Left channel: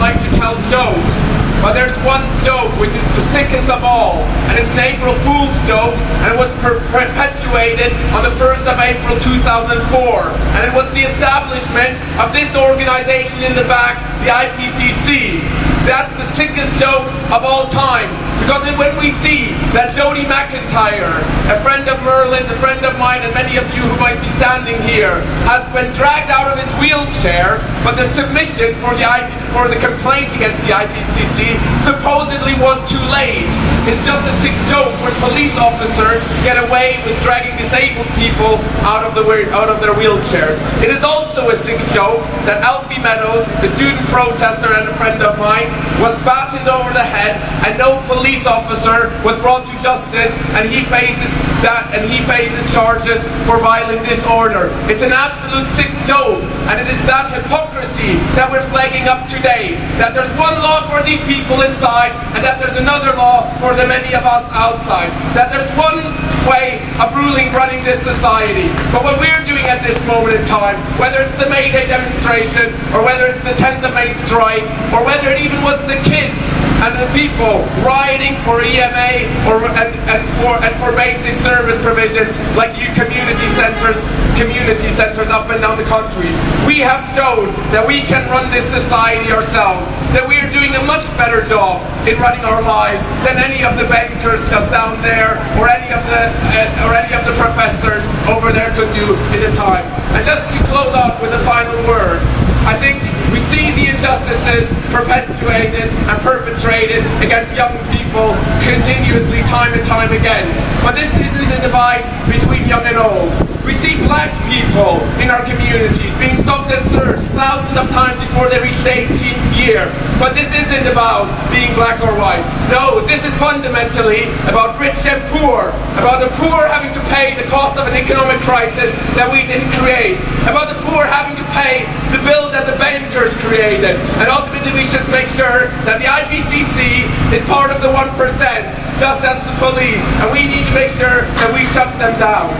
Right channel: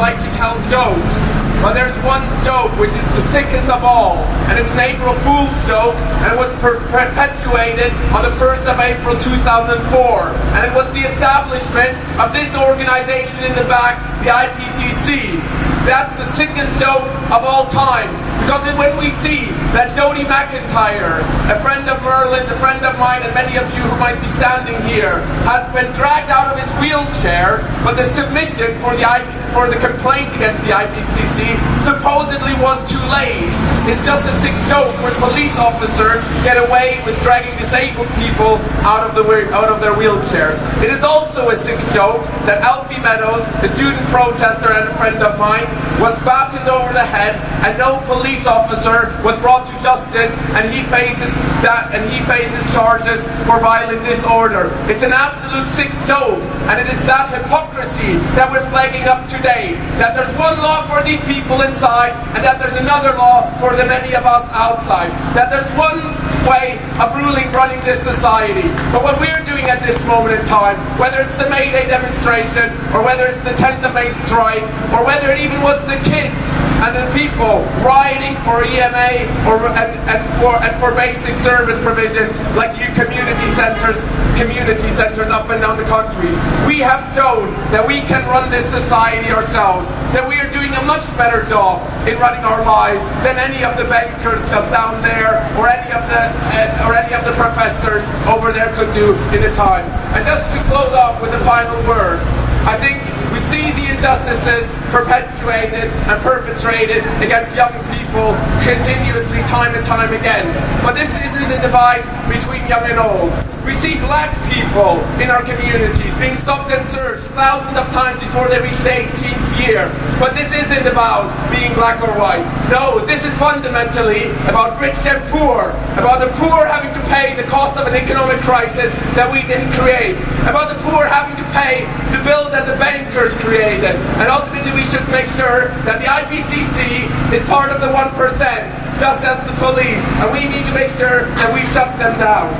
like to tell jokes, but there's one joke which is the sickest of all, and it's an April Fool's joke, and it was perpetuated on the 1st of April 2004, and it was the establishment of this organization in the back, the IPCC. That's the sickest joke of all time. Because when we see that Jody McIntyre, a friend of Merlin's, a friend of mine, and many of you who might be standing here, has been dragged out of his wheelchair, but the submission for the complaint against the IPCC supposedly was too late. It's just a sick joke where police officers get away with dragging disabled people out of their wheelchairs. It is also a sick joke that Alfie Meadows, a student protester and a friend of mine, was battened over the head and no police officer was brought to justice, and he faces charges for violent disorder. It's an absolute sick joke, and it is that hypocrisy that we're flagging up today, that there's one law for these people inside and that there's another law for the many of us outside, that there's one way of running this society. But what we're doing at this moment in time, whether it's the May Day demonstration or whether it's the 10th of May strike or whether it even was the kids and the people rioting for EMA and for basic service provisions like community centres up and down the country, we have shown that we can run this society ourselves, that we are doing a much better job in running our lives than any of the bankers just down there or any of the professors over there could do in the time. And just to close off with a final word, I think we see the injustices perpetuated and perpetrated against young people continuously time and time again. But this isn't a divide between young and old. We see black people in our communities being stopped and searched thousands of times before they reach the 18th year. But this isn't about being black or white. No, this is fundamentally about rich and poor, about the poor having to pay the cost of an economic crisis that we didn't create, about the poor having to pay the bill that the bankers created, and ultimately we should make sure that the IPCC is part of the 1%, just as the police, and we need to make sure that we shut them down.